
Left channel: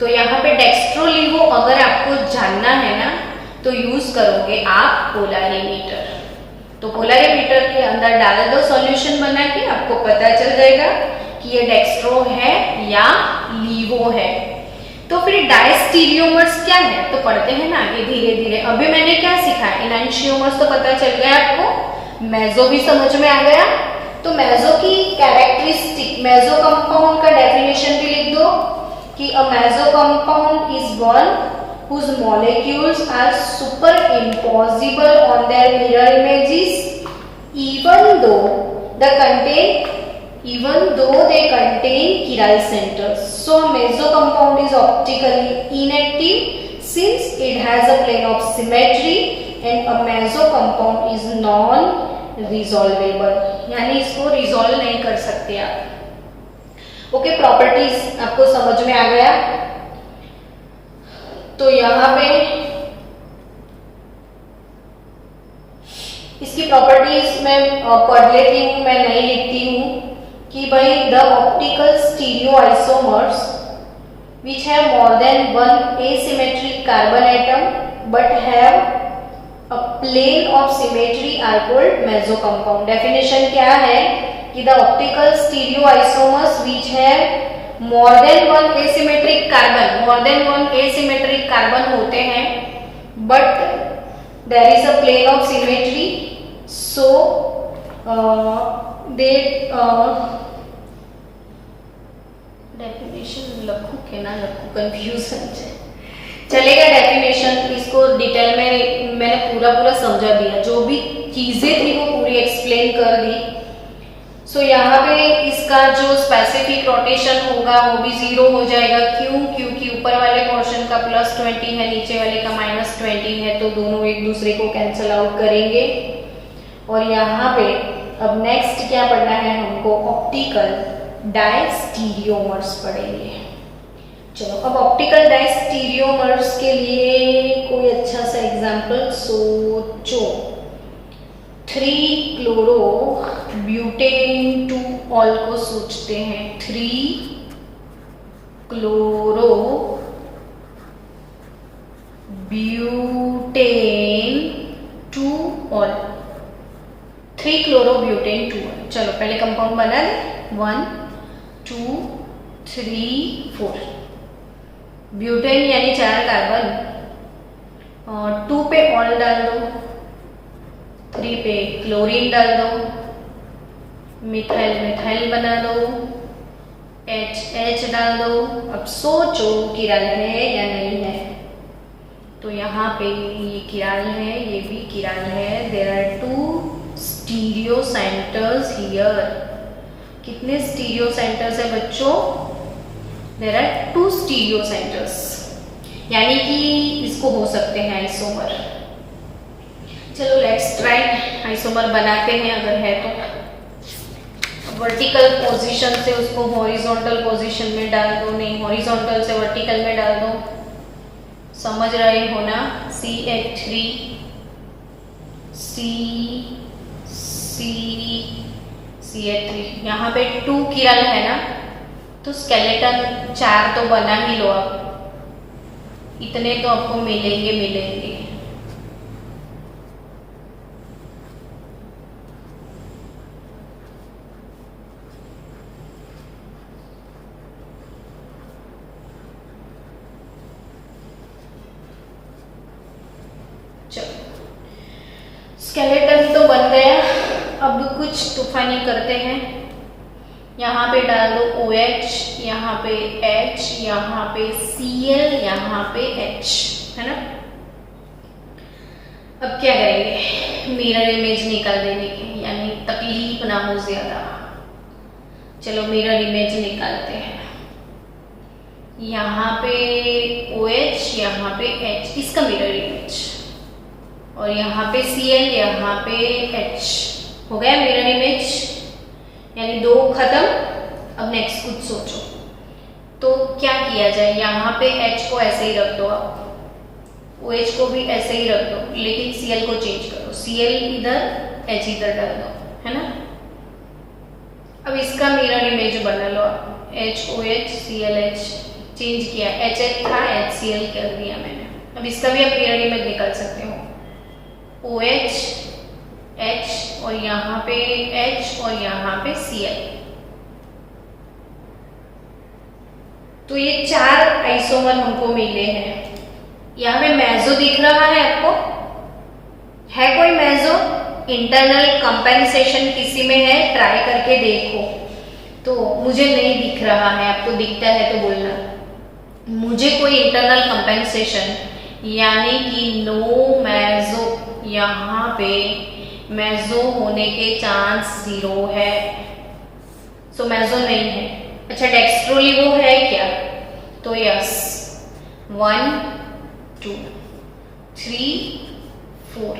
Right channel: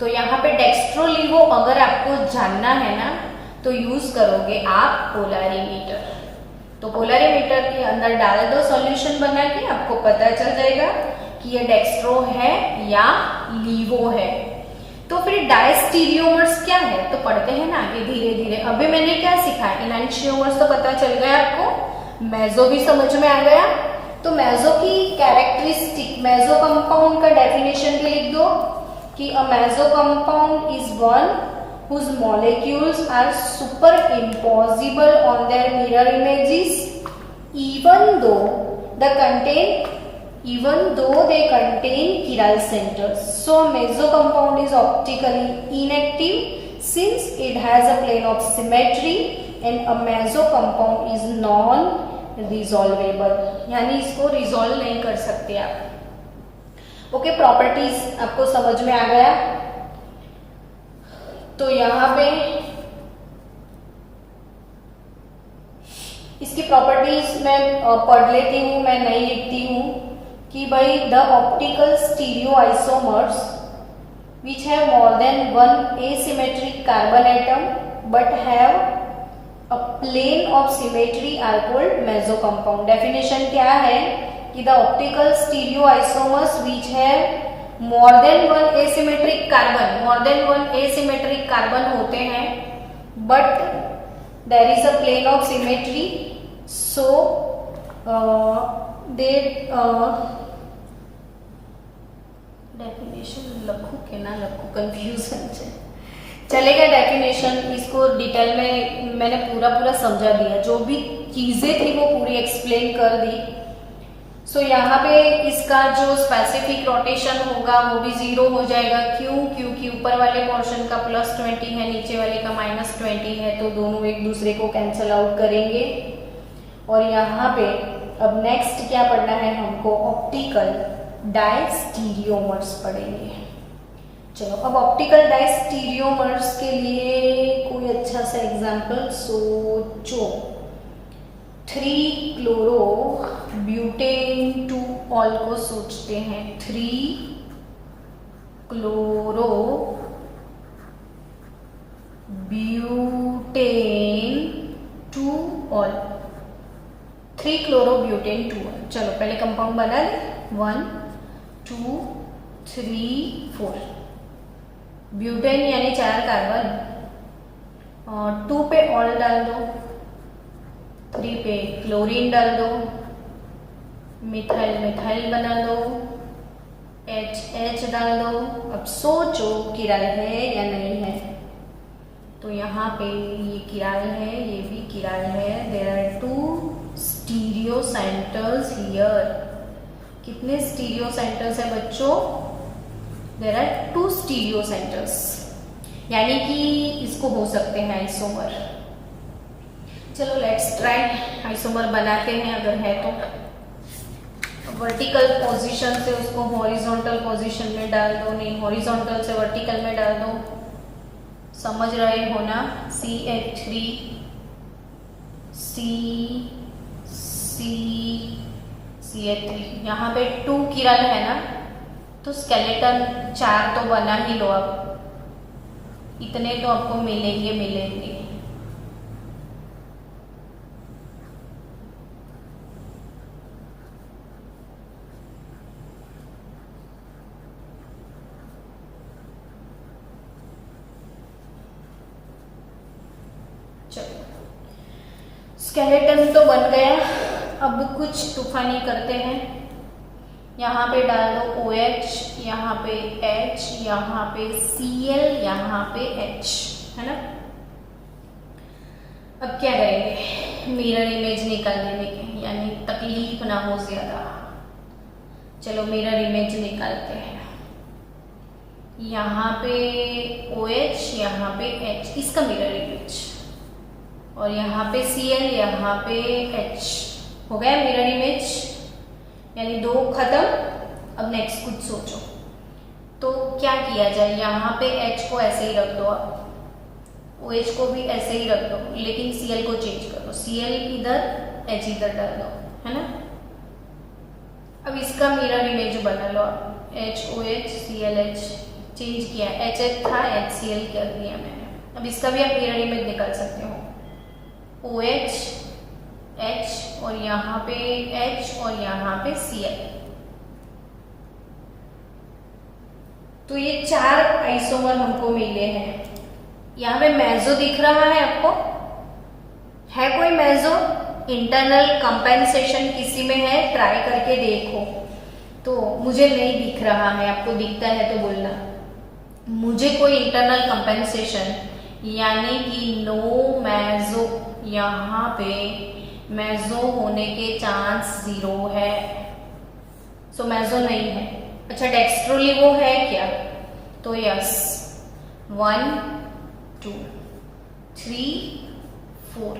तो यहाँ पे डेक्स्ट्रो लीवो अगर आपको जानना है ना, तो यूज करोगे आप पोलैरिमीटर। तो पोलैरिमीटर के अंदर डाल दो सॉल्यूशन बना के, आपको पता चल जाएगा कि ये डेक्स्ट्रो है या लीवो है। तो फिर डायस्टीरियोमर्स क्या है, तो पढ़ते हैं ना आगे धीरे धीरे। अभी मैंने क्या सीखा? इनैंशियोमर्स तो पता चल गया आपको, मेसो भी समझ में आ गया। तो मेसो की कैरेक्टरिस्टिक, मेसो कंपाउंड का डेफिनेशन भी लिख दो कि a meso compound is one whose molecules are superimposable on their mirror images even though they contain chiral centers. So a meso compound is optically inactive since it has a plane of symmetry and a meso compound is non-resolvable, यानी इसको resolve नहीं कर सकते आप। Okay, properties आपको समझ में आ गया। तो यहां पे इसकी प्रॉपर्टीज मैं पढ़ लेती हूं, मैं नहीं लिखती हूं कि भाई the optical stereo isomers which have more than one asymmetric carbon atom but have a plane of symmetry are called meso compound. Definition क्या है कि the optical stereoisomers which have more than one asymmetric carbon होते हैं, but there is a plane of symmetry, so they definition Lakhu के ना Lakhu confusion है, चलेगा definition. इसको डिटेल में मैंने पूरा समझा दिया, जो भी चीजें थी वो पूरी एक्सप्लेन कर दी। सो यहाँ पे इसका जो स्पेसिफिक रोटेशन होगा वो भी 0 हो जाएगा। क्यों? क्योंकि ऊपर वाले पोर्शन का +20 है, नीचे वाले का -20 है, तो दोनों एक दूसरे को कैंसिल आउट करेंगे। और यहाँ पे अब नेक्स्ट क्या पढ़ना है हमको? ऑप्टिकल डायस्टीरियोमर्स पढ़ेंगे। चलो अब ऑप्टिकल डायस्टीरियोमर्स के लिए कोई अच्छा सा एग्जाम्पल सोचो। 3 क्लोरो ब्यूटेन 2 ऑल को सोचते हैं। 3 chloro butane 2 all, 3 chloro butane 2 all. चलो पहले कंपाउंड बना दे। 1 2 3 4। ब्यूटेन यानी 4 कार्बन, और 2 पे ऑल डाल दो, 3 पे क्लोरीन डाल दो, मिथाइल मिथाइल बना दो, H डाल दो। अब सोचो किराल है या नहीं है। तो यहाँ पे ये किराल है, ये भी किराल है। There are 2 stereo centres here. कितने स्टीरियो सेंटर्स है बच्चों? देयर आर 2 स्टीरियो सेंटर्स, यानी कि इसको हो सकते हैं आइसोमर। चलो लेट्स ट्राई, आइसोमर बनाते हैं अगर है तो। वर्टिकल पोजीशन से उसको हॉरिजॉन्टल पोजीशन में डाल दो, नहीं हॉरिजॉन्टल से वर्टिकल में डाल दो। समझ रहे हो ना? CH3 CH3, यहाँ पे 2 किरल है ना, तो स्केलेटन 4 तो बना ही लो। अब इतने तो आपको मिलेंगे। चलो स्केलेटन तो बन गया। अब कुछ तूफानी करते हैं। यहाँ पे डाल दो OH, यहाँ पे H, यहाँ पे Cl, यहाँ पे H, है ना। अब क्या करेंगे? मिरर इमेज निकाल देने की, यानी तकलीफ ना हो ज्यादा। चलो मिरर इमेज निकालते हैं। यहाँ पे OH, यहाँ पे H, इसका मिरर इमेज, और यहाँ पे Cl, यहाँ पे H। हो गया मिरर इमेज, यानी 2 खत्म। अब नेक्स्ट कुछ सोचो। तो क्या किया जाए? यहाँ पे H को ऐसे ही रख दो, आप OH को भी ऐसे ही रख दो, लेकिन Cl को चेंज करो। Cl इधर, H इधर डाल दो, है ना। अब इसका मिरर इमेज बना लो। HOH ClH चेंज किया, HH था HCl कर दिया मैंने। अब इसका भी आप मिरर इमेज निकाल सकते हो। OH H, और यहाँ पे H, और यहाँ पे Cl। तो ये 4 आइसोमर हमको मिले हैं। यहाँ पे मेसो दिख रहा है आपको? है कोई मेसो? इंटरनल कंपेंसेशन किसी में है? ट्राई करके देखो। तो मुझे नहीं दिख रहा है, आपको दिखता है तो बोलना। मुझे कोई इंटरनल कंपेंसेशन यानी कि नो मेसो, यहाँ पे मेसो होने के चांस 0 है। सो मेसो नहीं है। अच्छा डेक्स्ट्रोलिवो है क्या? तो यस, 1 2 3 4।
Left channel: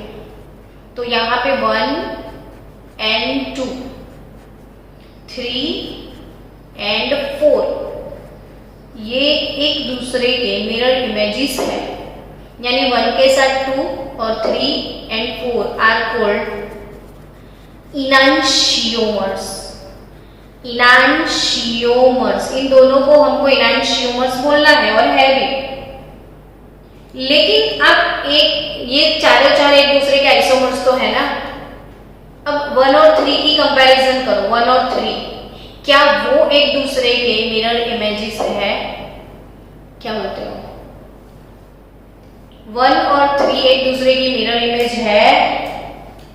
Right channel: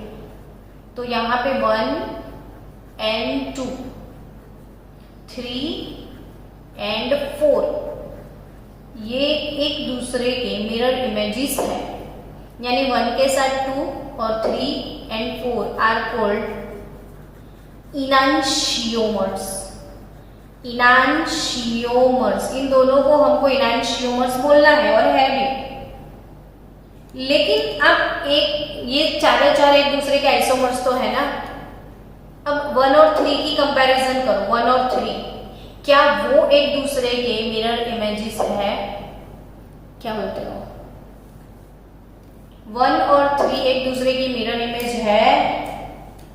तो यहाँ पे 1 and 2, 3 and 4, ये एक दूसरे के मिरर इमेजेस है। यानी 1 के साथ 2 और 3 and 4 आर कॉल्ड इनांशियोमर्स। इनांशियोमर्स, इन दोनों को हमको इनांशियोमर्स बोलना है, और है भी। लेकिन अब ये चारों चार एक दूसरे के आइसोमर्स तो है ना। अब 1 और 3 की कंपैरिजन करो। 1 और 3, क्या वो एक दूसरे के मिरर इमेजेस है? क्या बोलते हो? 1 और 3 एक दूसरे की मिरर इमेज है?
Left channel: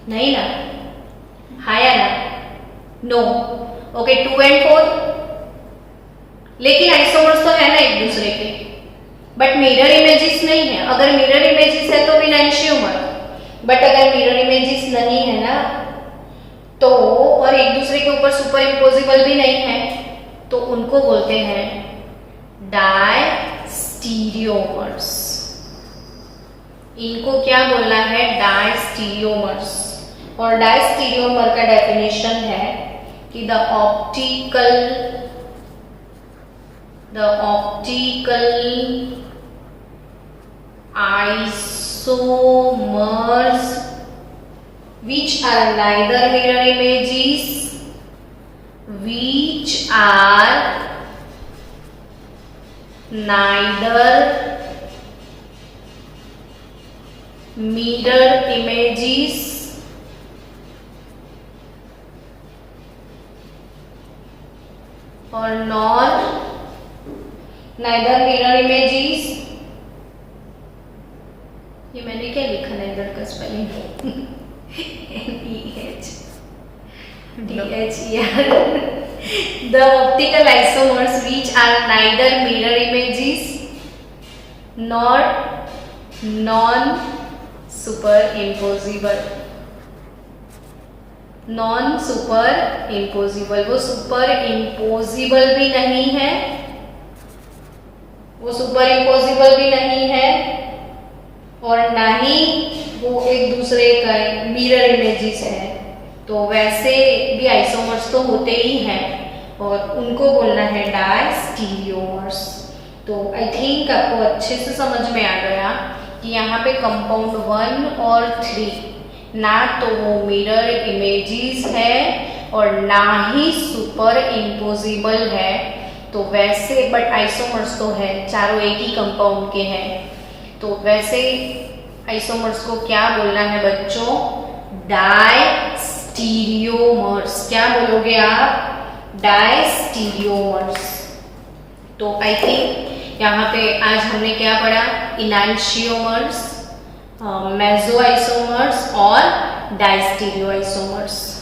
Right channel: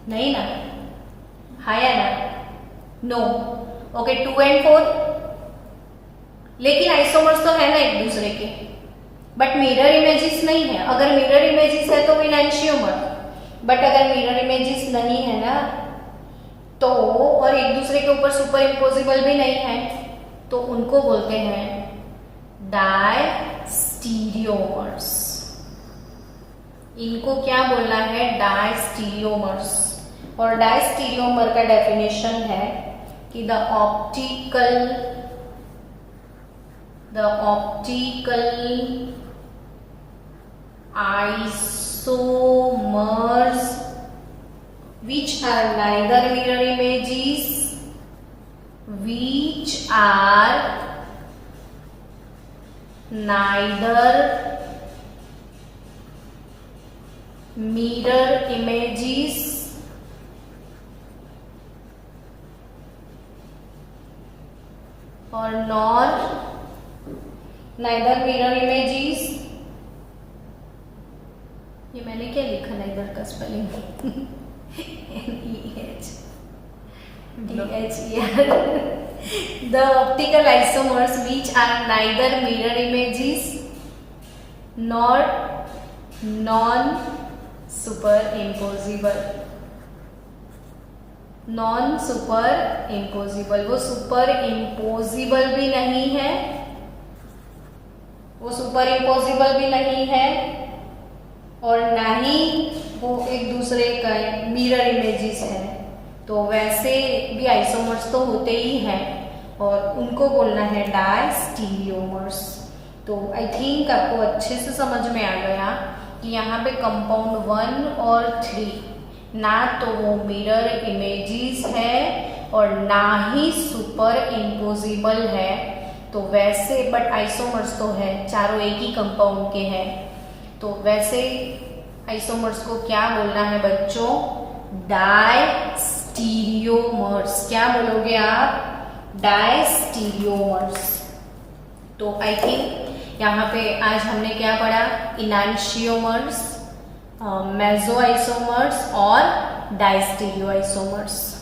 नहीं ना। हाँ या ना? नो। ओके 2 and 4, लेकिन आइसोमर्स तो है ना एक दूसरे के, बट मिरर इमेजेस नहीं है। अगर मिरर इमेजेस है तो इनांशियोमर, बट अगर मिरर इमेजेस नहीं है ना तो, और एक दूसरे के ऊपर सुपर इम्पोजिबल भी नहीं है, तो उनको बोलते हैं डायस्टीरियोमर्स। इनको क्या बोलना है? डायस्टीरियोमर्स। और डायस्टीरियोमर का डेफिनेशन है कि the optical isomers which are neither mirror images, which are neither mirror images or nor neither mirror images, ये मैंने क्या लिखा नाइदर का spelling? NEHDHER। The optical isomers which are neither mirror images nor non-superimposable। non-superimposable, वो super imposable भी नहीं है, वो सुपर इम्पोजिबल भी नहीं है, और ना ही वो एक दूसरे का मिरर इमेजेस है। तो वैसे भी आइसोमर्स तो होते ही हैं, और उनको बोलना है डायस्टीरियोमर्स। तो आई थिंक आपको अच्छे से समझ में आ गया कि यहाँ पे कंपाउंड 1 और 3 ना तो वो मिरर इमेजेस है और ना ही सुपर इम्पोजिबल है। तो वैसे बट आइसोमर्स तो है, चारों एक ही कंपाउंड के हैं। तो वैसे आइसोमर्स को क्या बोलना है बच्चों? डायस्टीरियोमर्स। क्या बोलोगे आप? डायस्टीरियोमर्स। तो आई थिंक यहाँ पे आज हमने क्या पढ़ा? इनांशियोमर्स, मेसो आइसोमर्स और डायस्टीरियो आइसोमर्स।